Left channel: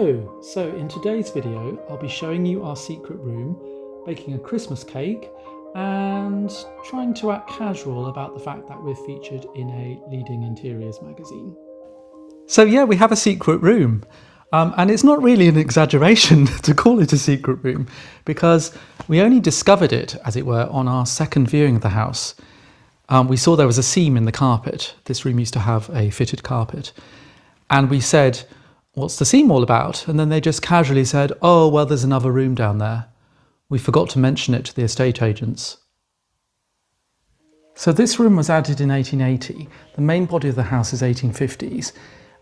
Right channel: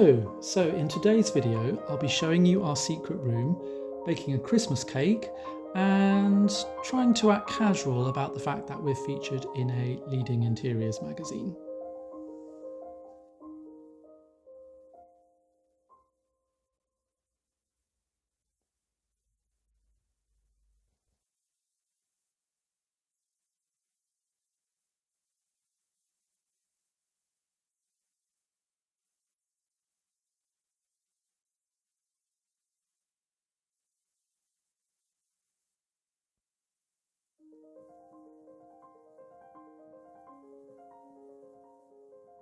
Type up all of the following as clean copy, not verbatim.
Hello! So in today's video I'll be showing you our secret room, baking a Christmas cake and trying to act casual about the fact that we're featured in a leading interiors magazine. So yeah, we have a secret room. And it's not really an exaggeration to call it a secret room because we only discovered it, as it were, on our second viewing of the house. We saw there was a seam in the carpet. This room used to have a fitted carpet. And we said, what's the seam all about? And then they just casually said, oh, well, there's another room down there. We forgot to mention it to the estate agents. So this room was added in 1880. The main body of the house is 1850s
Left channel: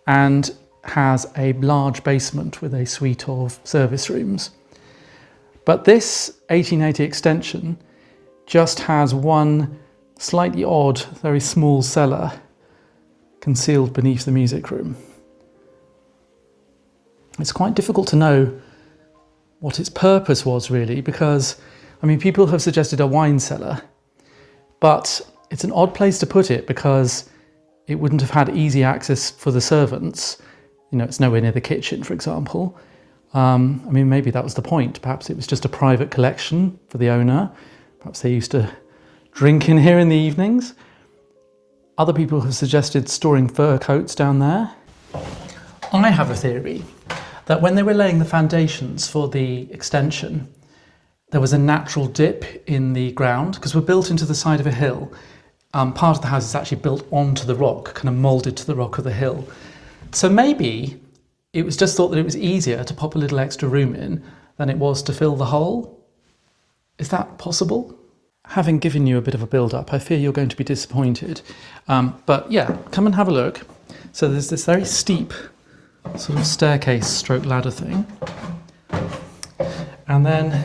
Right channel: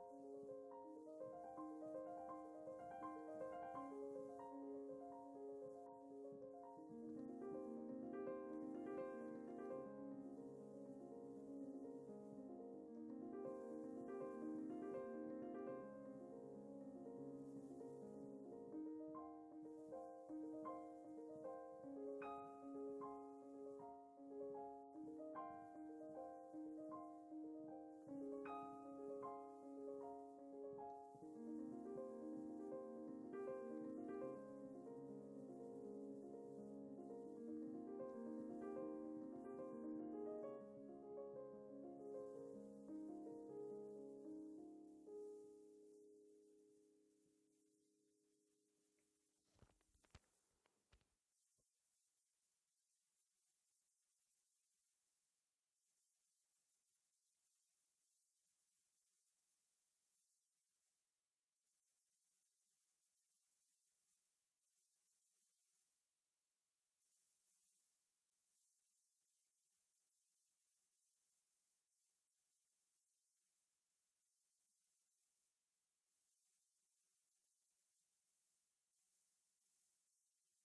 and has a large basement with a suite of service rooms. But this 1880 extension just has one slightly odd, very small cellar concealed beneath the music room. It's quite difficult to know what its purpose was really because, I mean, people have suggested a wine cellar, but it's an odd place to put it because it wouldn't have had easy access for the servants. You know, it's nowhere near the kitchen, for example. I mean, maybe that was the point. Perhaps it was just a private collection for the owner. Perhaps they used to drink in here in the evenings. Other people have suggested storing fur coats down there. I have a theory that when they were laying the foundations for the extension, there was a natural dip in the ground because we're built into the side of a hill. Part of the house is actually built onto the rock, kind of moulded to the rock of the hill. So maybe it was just thought that it was easier to pop a little extra room in than it was to fill the hole. Is that possible? Having given you a bit of a build-up, I fear you're going to be disappointed. But yeah, come and have a look. So there's this very steep sort of staircase stroke ladder thing. And then,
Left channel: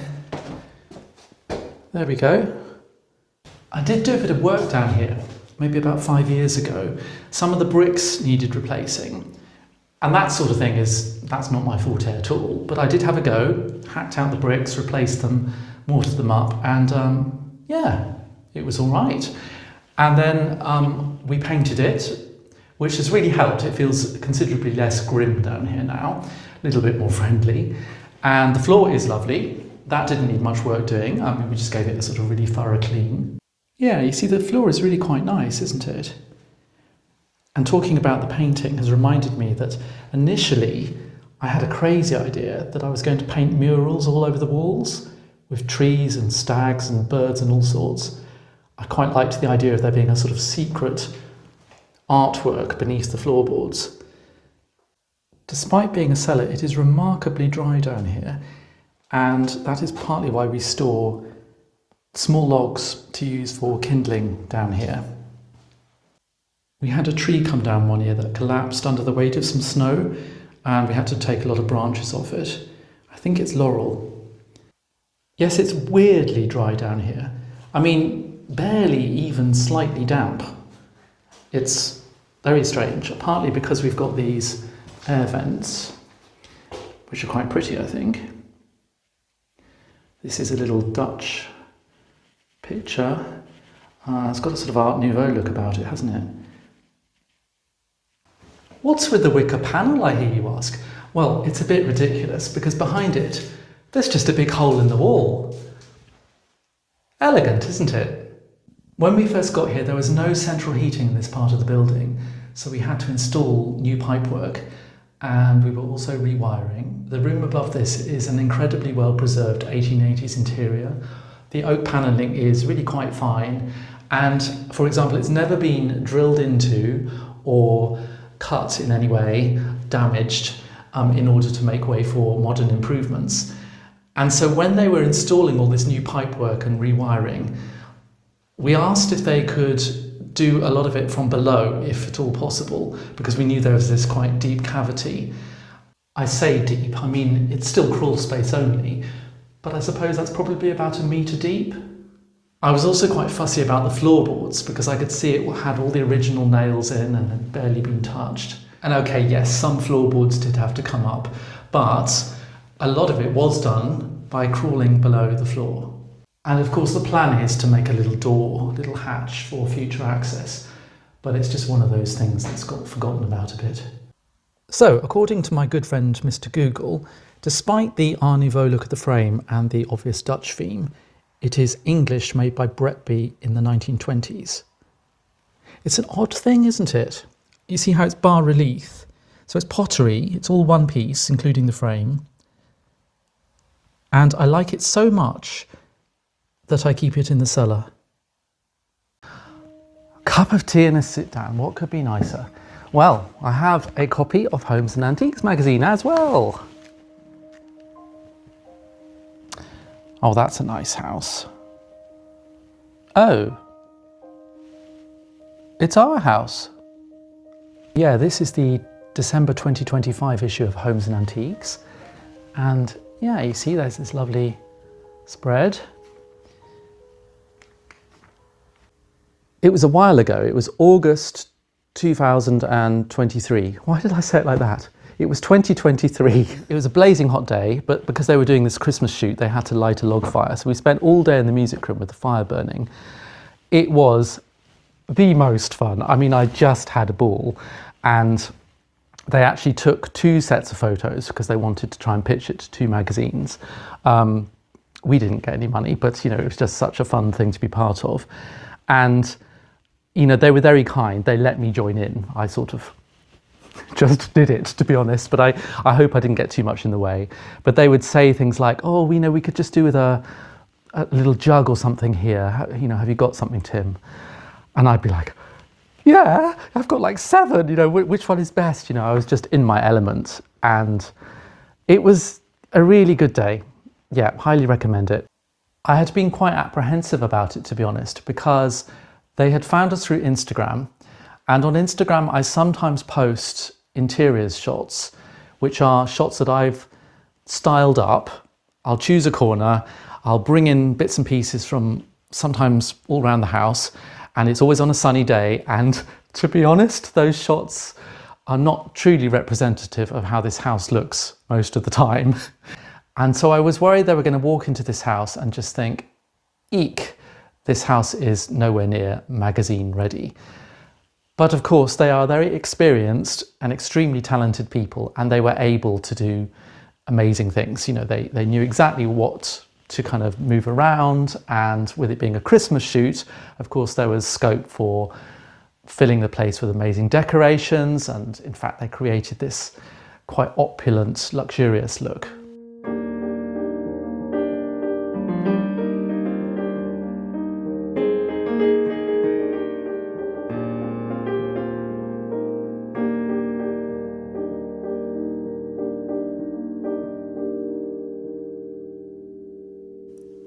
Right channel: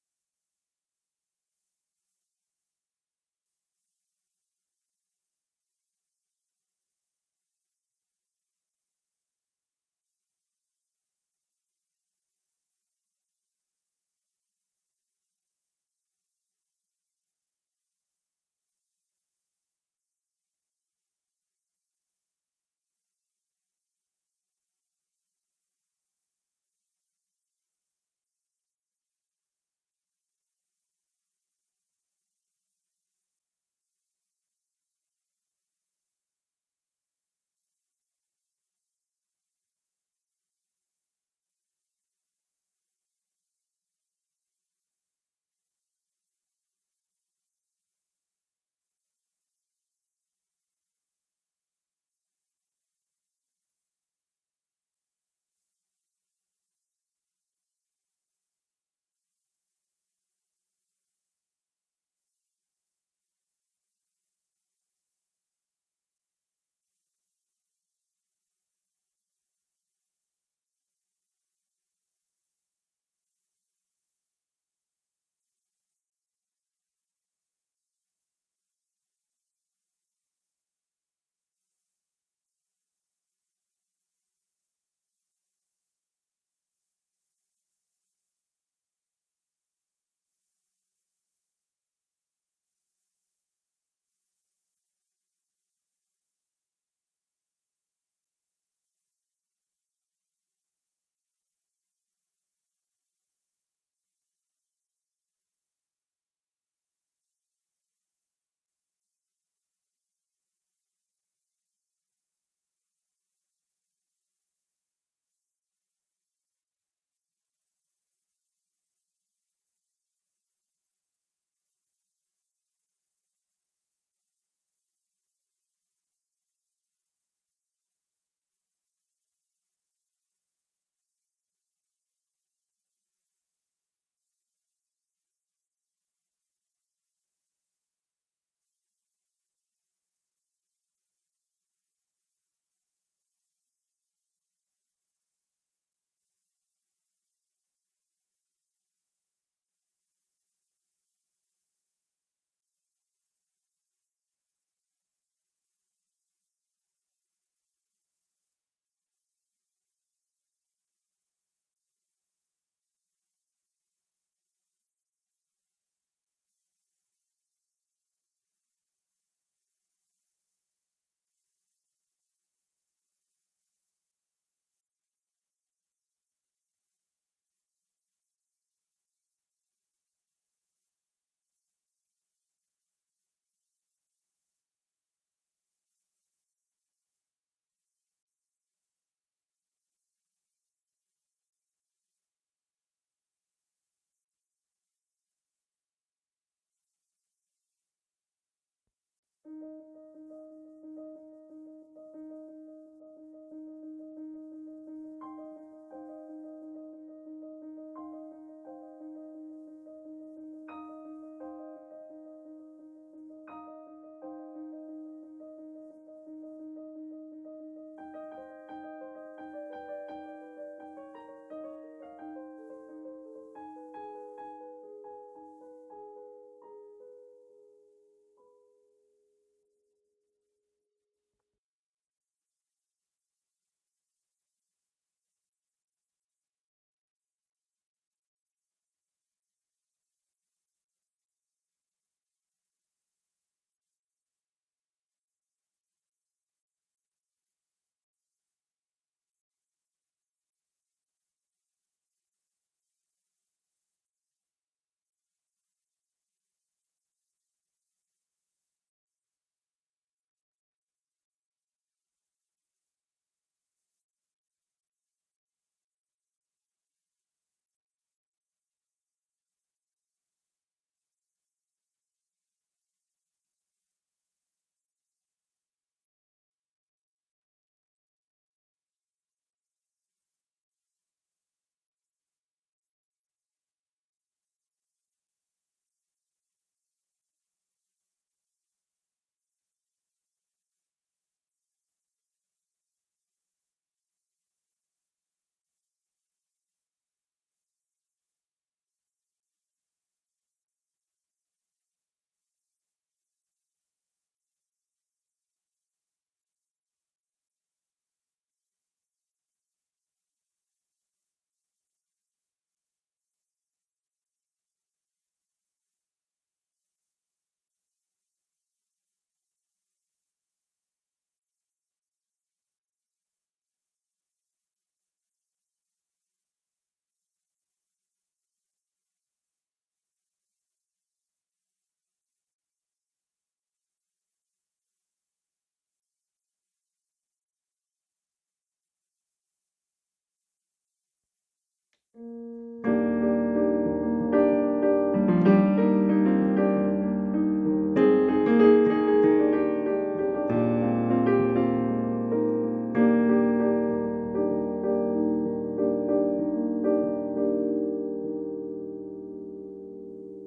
there we go. I did do a bit of work down here, maybe about 5 years ago. Some of the bricks needed replacing. And that sort of thing that's not my forte at all. But I did have a go, hacked out the bricks, replaced them, mortared them up, and yeah, it was all right. And then we painted it, which has really helped. It feels considerably less grim down here now, a little bit more friendly. And the floor is lovely. That didn't need much work doing. I mean, we just gave it a sort of really thorough clean. Yeah, you see the floor is really quite nice, isn't it? And talking about the painting has reminded me that initially I had a crazy idea that I was going to paint murals all over the walls with trees and stags and birds and all sorts. I quite liked the idea of there being a sort of secret artwork beneath the floorboards. Despite being a cellar, it is remarkably dry down here, and that is partly why we store small logs to use for kindling down here. We had a tree come down one year that collapsed under the weight of some snow, and we had to take a lot of branches off it. I think it's laurel. Yes, it's weirdly dry down here. I mean, barely even slightly damp. It's very strange, partly because we've got these air vents, which are quite pretty, I think. This is a little Dutch picture. It's got a sort of Art Nouveau look about it, hasn't it? What's with the wicker panel, I hear you ask? Well, it's a bit ridiculous because behind it, there's just a big hole in the wall. Elegant, isn't it? When we first got here, there was no central heating in this part of the building, so we had to install new pipework, and we were also rewiring. The room above this is an incredibly well-preserved 1880s interior. The oak panelling is really quite fine, and, for example, it's never been drilled into or cut in any way, damaged, in order to make way for modern improvements. And so when they were installing all this new pipework and rewiring, we asked if they could do a lot of it from below, if at all possible, because we knew there was this quite deep cavity. I say deep, I mean, it's still crawl space only, but I suppose that's probably about 1 metre deep. I was also quite fussy about the floorboards because I could see it had all the original nails in and had barely been touched. And okay, yes, some floorboards did have to come up, but a lot of it was done by crawling below the floor. And of course the plan is to make a little door, a little hatch for future access, but it's just one of those things that's got forgotten about a bit. So, according to my good friend Mr. Google, despite the Art Nouveau look of the frame and the obvious Dutch theme, it is English made by Bretby in the 1920s. It's an odd thing, isn't it? You see how it's bas-relief. So it's pottery, it's all one piece, including the frame. And I like it so much that I keep it in the cellar. Cup of tea and a sit down, what could be nicer? Well, I have a copy of Homes and Antiques magazine as well. Oh, that's a nice house. Oh, it's our house. Yeah, this is the December 2025 issue of Homes and Antiques. And yeah, you see there's this lovely spread. It was a while ago, it was August 2023. Why did I say it like that? It was 2023. It was a blazing hot day, but because they were doing this Christmas shoot, they had to light a log fire. So we spent all day in the music room with the fire burning. It was the most fun. I mean, I just had a ball, and they actually took 2 sets of photos because they wanted to try and pitch it to 2 magazines. We didn't get any money, but it was just such a fun thing to be part of. And they were very kind. They let me join in. I sort of just did it, to be honest, but I hope I didn't get too much in the way. But they would say things like, oh, we could just do with a little jug or something here. Have you got something, Tim? And I'd be like, yeah, I've got like 7, which one is best? I was just in my element, and it was a really good day. Yeah, highly recommend it. I had been quite apprehensive about it, to be honest, because they had found us through Instagram, and on Instagram I sometimes post interiors shots, which are shots that I've styled up. I'll choose a corner, I'll bring in bits and pieces from sometimes all around the house, and it's always on a sunny day, and to be honest, those shots are not truly representative of how this house looks most of the time. And so I was worried they were going to walk into this house and just think, eek, this house is nowhere near magazine ready. But of course, they are very experienced and extremely talented people, and they were able to do amazing things. They knew exactly what to kind of move around, and with it being a Christmas shoot, of course, there was scope for filling the place with amazing decorations, and in fact, they created this quite opulent, luxurious look.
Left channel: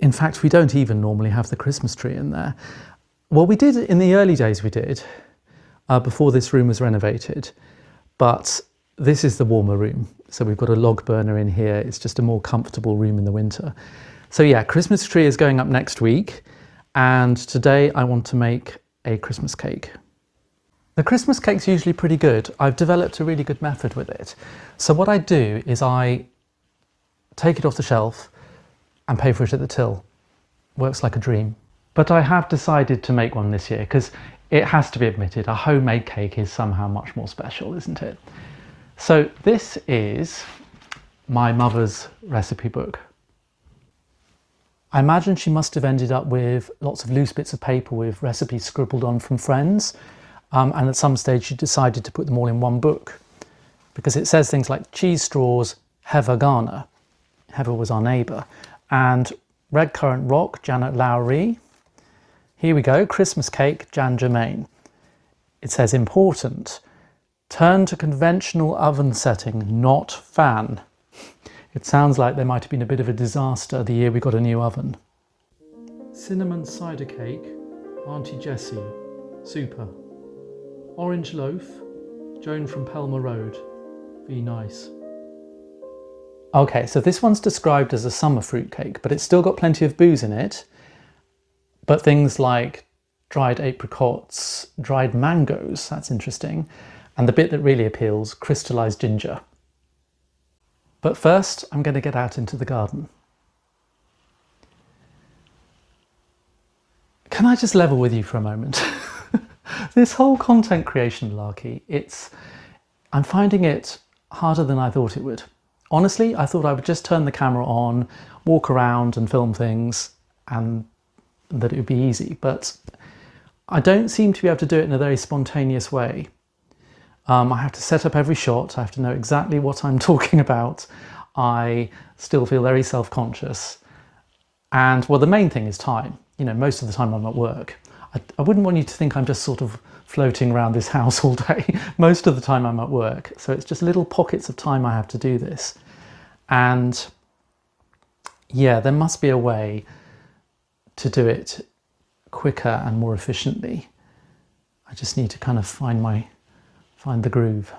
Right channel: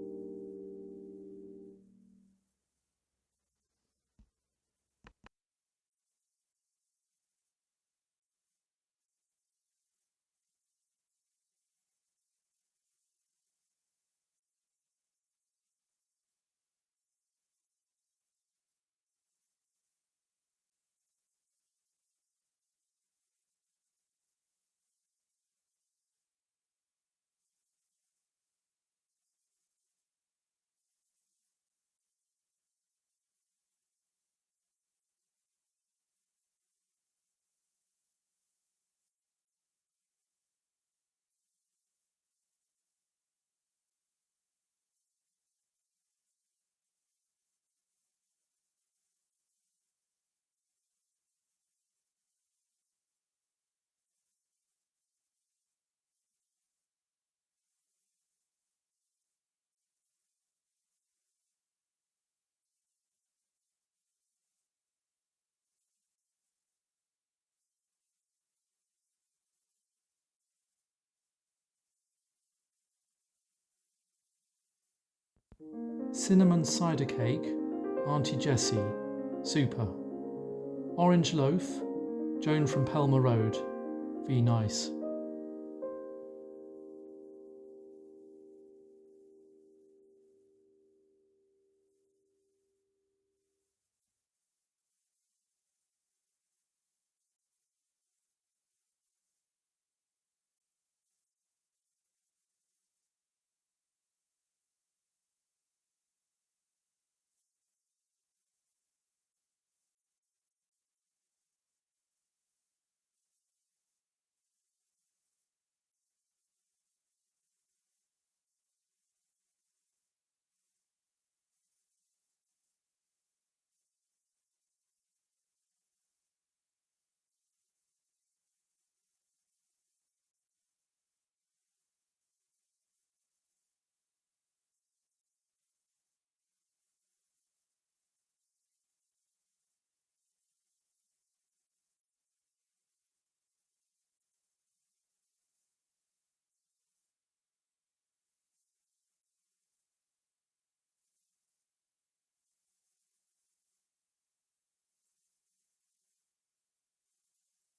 In fact, we don't even normally have the Christmas tree in there. Well, we did in the early days, before this room was renovated, but this is the warmer room. So we've got a log burner in here. It's just a more comfortable room in the winter. So yeah, Christmas tree is going up next week, and today I want to make a Christmas cake. The Christmas cake's usually pretty good. I've developed a really good method with it. So what I do is I take it off the shelf and pay for it at the till. Works like a dream. But I have decided to make one this year because it has to be admitted, a homemade cake is somehow much more special, isn't it? So this is my mother's recipe book. I imagine she must have ended up with lots of loose bits of paper with recipes scribbled on from friends, and at some stage she decided to put them all in one book, because it says things like cheese straws, Heather Garner. Heather was our neighbour. And red currant rock, Janet Lowry. Here we go, Christmas cake, Jan Germain. It says important, turn to conventional oven setting, not fan. It sounds like there might have been a bit of a disaster the year we got a new oven. Cinnamon cider cake, Auntie Jessie, super. Orange loaf, Joan from Pelmer Road, be nice. Okay, so this one's described as a summer fruit cake, but it's still got plenty of booze in it. But things like dried apricots, dried mangoes, that's interesting. And the bit that really appeals, crystallized ginger. But first, I'm going to get out into the garden. Can I just level with you for a moment? This whole content creation malarkey, I'm finding it harder than I thought it would. Honestly, I thought I would just turn the camera on, walk around and film things, and that it would be easy, but I don't seem to be able to do it in a very spontaneous way. I have to set up every shot, I have to know exactly what I'm talking about. I still feel very self-conscious. And well, the main thing is time. You know, most of the time I'm at work. I wouldn't want you to think I'm just sort of floating around this house all day. Most of the time I'm at work. So it's just little pockets of time I have to do this. And yeah, there must be a way to do it quicker and more efficiently. I just need to kind of find the groove.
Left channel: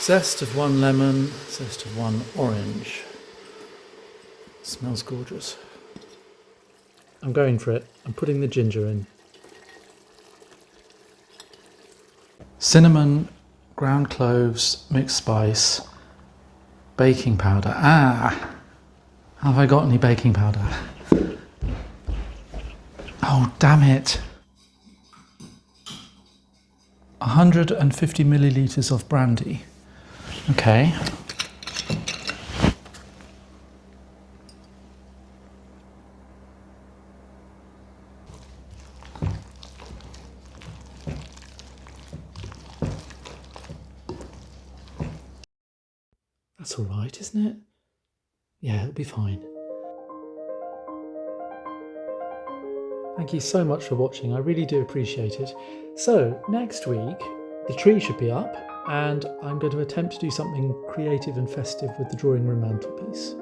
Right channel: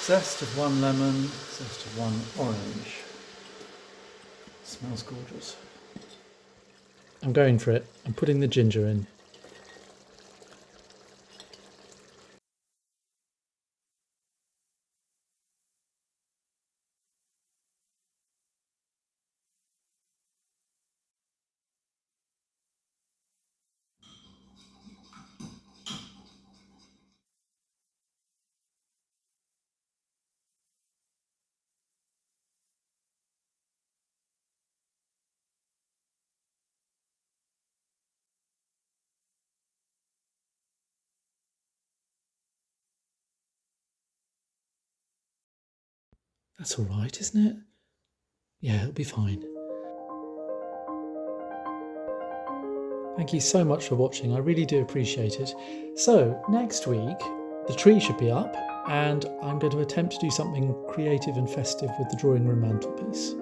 Zest of one lemon, zest of one orange. Smells gorgeous. I'm going for it. I'm putting the ginger in. Cinnamon, ground cloves, mixed spice, baking powder. Have I got any baking powder? Oh, damn it. 150 millilitres of brandy. Okay. That's all right, isn't it? Yeah, it'll be fine. Thank you so much for watching. I really do appreciate it. So next week, the tree should be up and I'm going to attempt to do something creative and festive with the drawing room mantelpiece.